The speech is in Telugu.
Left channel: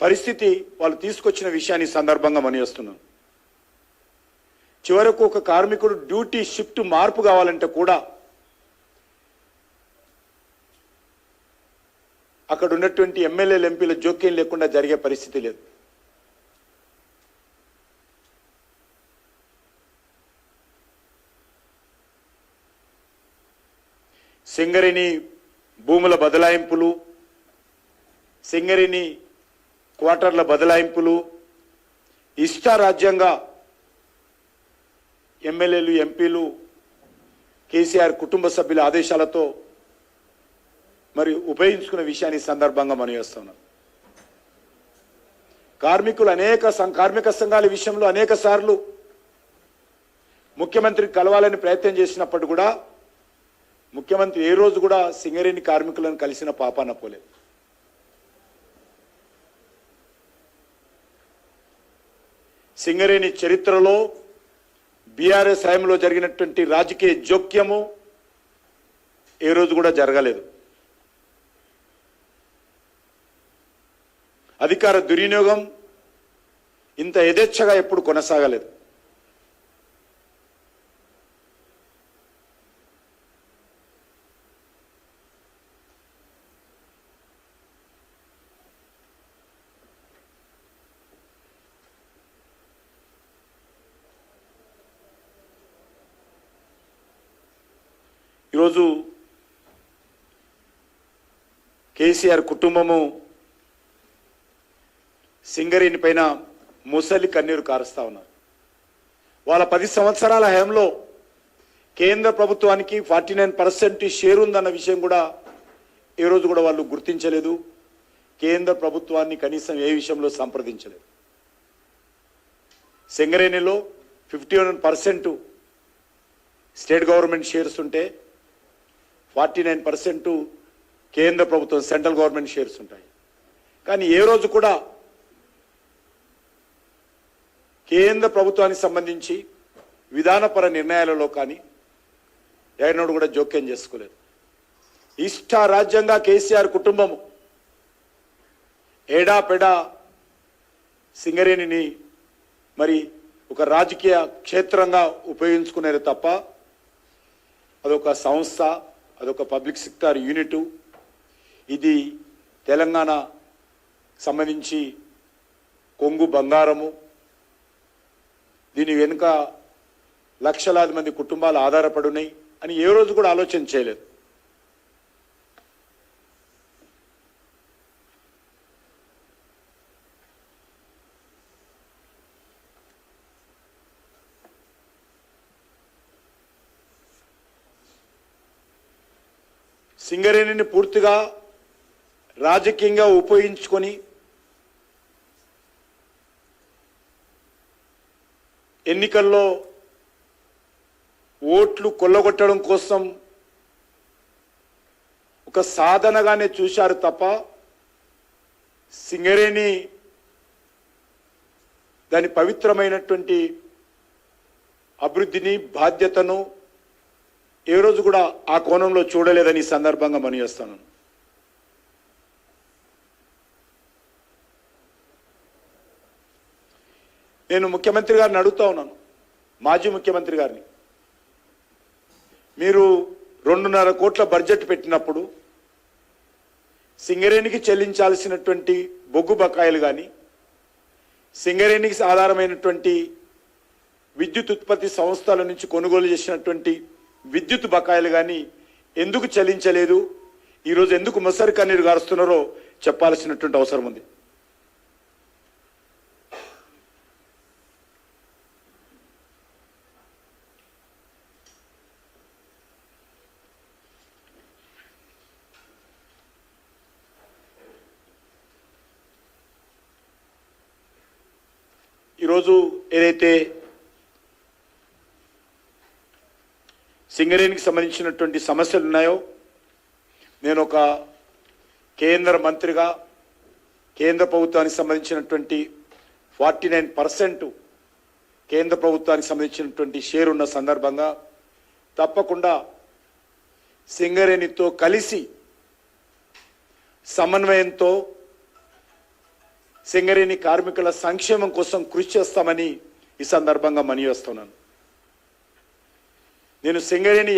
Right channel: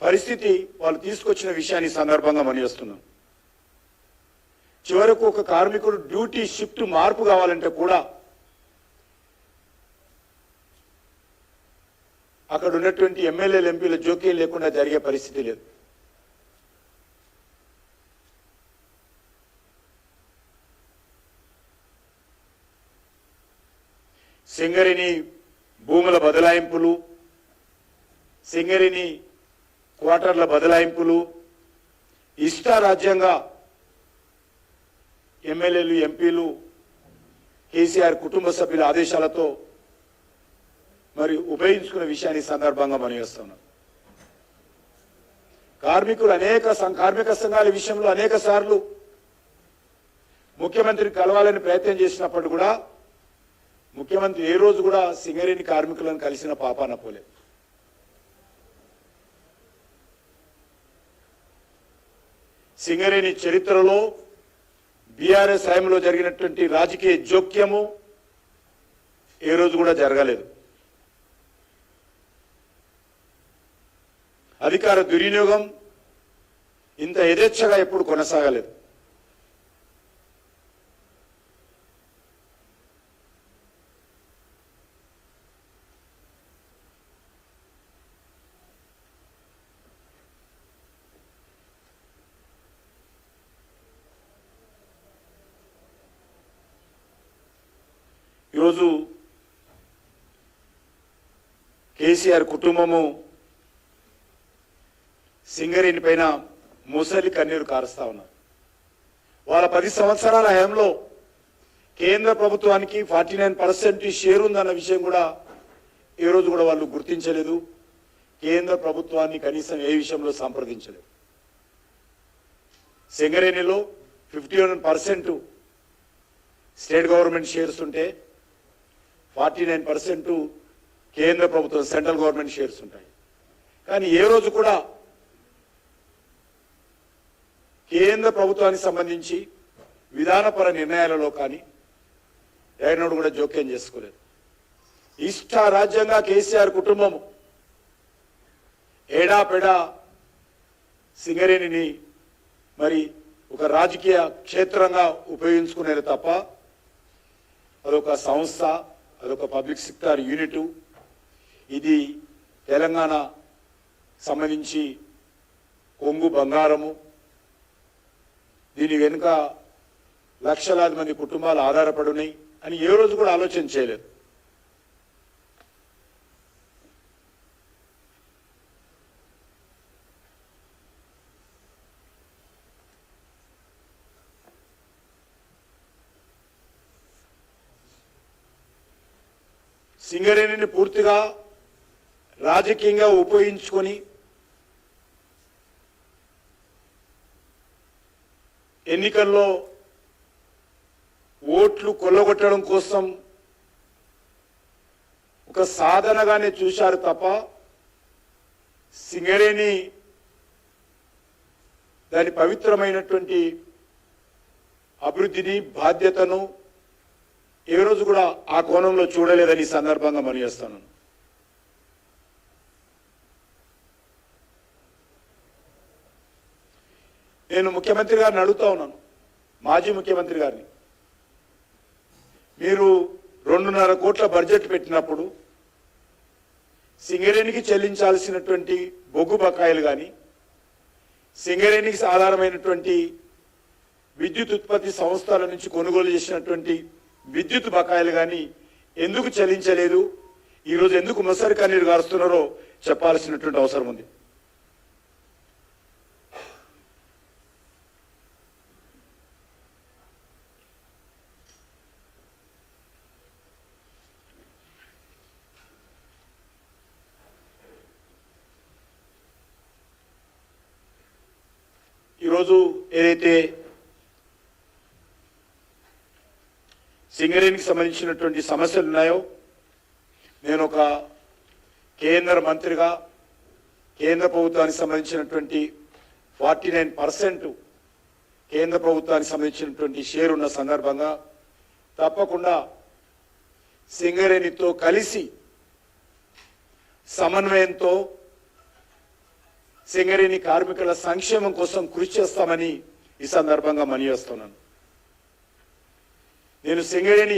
పరిస్థితి వాళ్ళు తీసుకొచ్చిన విషయాన్ని సందర్భంగా మనయోస్తున్నాం. చివరకు ఒక కార్మికుడు డ్యూటీ షిఫ్ట్ మార్పు కావాలంటే కూడా అక్కడ ఉన్నటువంటి ఎమ్మెల్యేలు ఎంపీల జోక్యం లేకుండా జరిగే పరిస్థితి లేదు. సింగరేణి భూముల బదలాయింపులు, సింగరేణి క్వార్టర్ల బదలాయింపులు, ఇష్టారాజ్యంగా ఎమ్మెల్యేలు ఎంపీలు కేసీఆర్ కుటుంబ సభ్యుల ఆదేశాలతో మరి ఉపయోగించుకున్న విషయాన్ని సందర్భంగా మనం చేస్తున్నాం. కార్మికులు కార్మిక సంఘాల విషయంలో అనేక సార్లు ముఖ్యమంత్రిని కలవాలని ప్రయత్నం చేసినప్పుడు కూడా ముఖ్యమంత్రి ఏ రోజు కూడా సింగరేణి కార్మికులను కలిసిన పాపాన పోలేదు. సింగరేణి చరిత్రలో బీఆర్ఎస్ హయాంలో జరిగినటువంటి రాజకీయ జోక్యము ఏ రోజు కూడా జరగలేదు. అధికార దుర్వినియోగం ఇంత యథేచ్ఛగా ఎప్పుడు కొనసాగలేదు. ఈరోజు కేసీఆర్ కుటుంబము సింగరేణి పైన ముసలి కన్నీరు కారుస్తా ఉన్నారు. వాళ్ళ 10 సంవత్సరాల హయాంలో కేంద్ర ప్రభుత్వానికి 49% షేర్ ఉందన్న విషయం కూడా ఈ రోజు కూడా వాళ్ళు గుర్తించలేదు. కేంద్ర ప్రభుత్వాన్ని కనీసం ఏ విషయంలో సంప్రదించలేదు. సింగరేణిలో 51% స్టేట్ గవర్నమెంట్ షేర్స్ ఉంటే 49% కేంద్ర ప్రభుత్వం సెంట్రల్ గవర్నమెంట్ షేర్స్ ఉంటాయి. కానీ ఏ రోజు కూడా కేంద్ర ప్రభుత్వానికి సంబంధించి విధానపర నిర్ణయాలలో కానీ ఏనాడు కూడా జోక్యం చేసుకోలేదు. ఇష్టారాజ్యంగా కేసీఆర్ కుటుంబము ఏడాపెడా సింగరేణిని మరి ఒక రాజకీయ క్షేత్రంగా ఉపయోగించుకునేది తప్ప అదొక సంస్థ, అదొక పబ్లిక్ సెక్టార్ యూనిట్. ఇది తెలంగాణ సంబంధించి కొంగు బంగారము. దీని వెనుక లక్షలాది మంది కుటుంబాలు ఆధారపడున్నాయి అని ఏ రోజు కూడా ఆలోచన చేయలేదు. సింగరేణిని పూర్తిగా రాజకీయంగా ఉపయోగించుకొని ఎన్నికల్లో ఓట్లు కొల్లగొట్టడం కోసం ఒక సాధనగానే చూశారు తప్ప సింగరేణి దాని పవిత్రమైనటువంటి అభివృద్ధిని, బాధ్యతను ఏ రోజు కూడా ఆ కోణంలో చూడలేదని సందర్భంగా మనం చేస్తాను. నేను ముఖ్యమంత్రి గారిని అడుగుతా ఉన్నాను, మాజీ ముఖ్యమంత్రి గారిని, మీరు 2.5 కోట్ల బడ్జెట్ పెట్టినప్పుడు సింగరేణికి చెల్లించాల్సినటువంటి బొగ్గు బకాయిలు కానీ, సింగరేణికి ఆధారమైనటువంటి విద్యుత్ ఉత్పత్తి సంస్థల నుంచి కొనుగోలు చేసినటువంటి విద్యుత్ బకాయిలు కానీ ఎందుకు చెల్లించలేదు, ఈరోజు ఎందుకు ముసలి కన్నీరు కారుస్తున్నారో చెప్పాల్సినటువంటి అవసరం ఉంది. ఈరోజు ఏదైతే సింగరేణికి సంబంధించినటువంటి సమస్యలు ఉన్నాయో, నేను ఒక కేంద్ర మంత్రిగా కేంద్ర ప్రభుత్వానికి సంబంధించినటువంటి 49% కేంద్ర ప్రభుత్వానికి సంబంధించినటువంటి షేర్ ఉన్న సందర్భంగా తప్పకుండా సింగరేణితో కలిసి సమన్వయంతో సింగరేణి కార్మికుల సంక్షేమం కోసం కృషి చేస్తామని ఈ సందర్భంగా మనవి చేస్తున్నాను. నేను సింగరేణి